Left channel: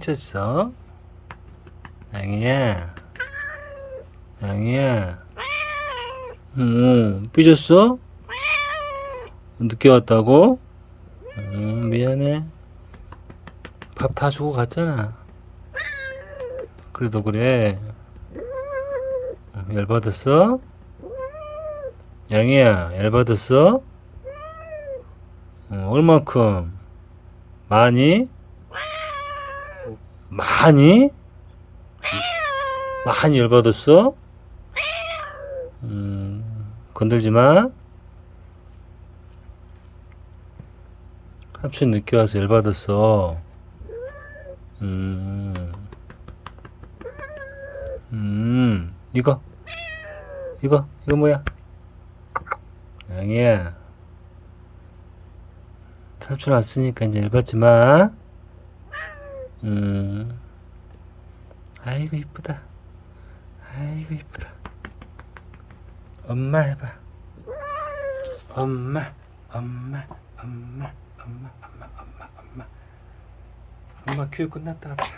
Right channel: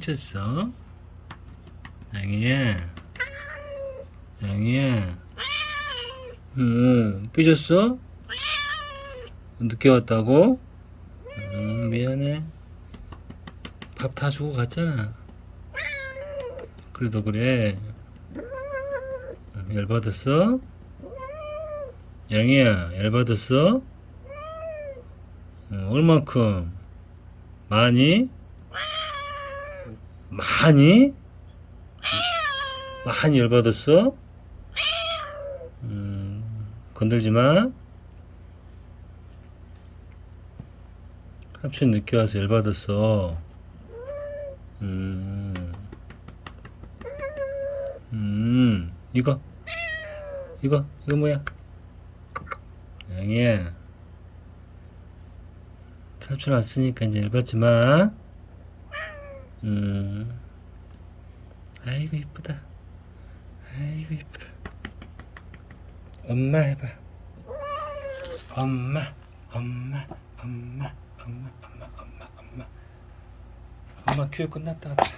삐졌어? 양이야. 양이야. 응, 삐졌어? 늦게 왔다고? 음, 미안해. 밥 다 주고 갔잖아. 그래도 그래. 음, 열받았어? 양이야, 열받았어? 어, 얼만큼? 많이? 많이? 많이 열받았어? 음, 건들지 마. 합친 늦게 와서 열받았어. 음, 음, 이거, 이거, 이거 뭐야? 아니야. 삼촌 왔으니까 이제 열받지 마. 음, 아이고 이쁘다. 아이고 이쁘다. 엄마 해봐. 엄마, 엄마, 엄마, 엄마, 엄마, 엄마, 엄마. 엄마 교육 끝났다 가더라.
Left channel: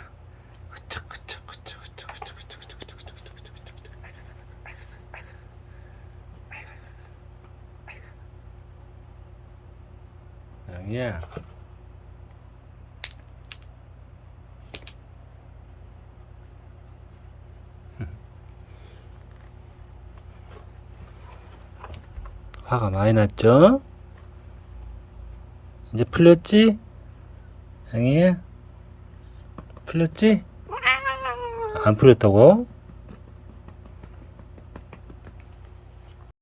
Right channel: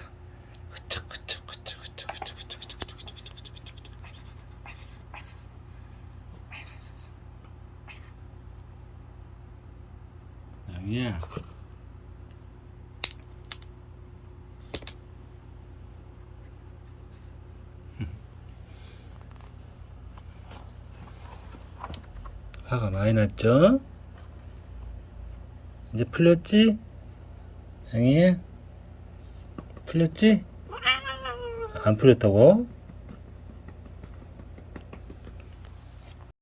흐쩍, 흐쩍, 흐쩍, 흐쩍, 흐쩍, 흐쩍, 흐쩍, 흐쩍, 흐쩍, 흐쩍, 흐쩍, 흐쩍. 아이고, 아이고, 아이고, 아이고, 아이고, 아이고. 양이야. 화가 많이 났죠? 이제 풀렸지? 양이야? 풀렸지? 안 풀렸다고?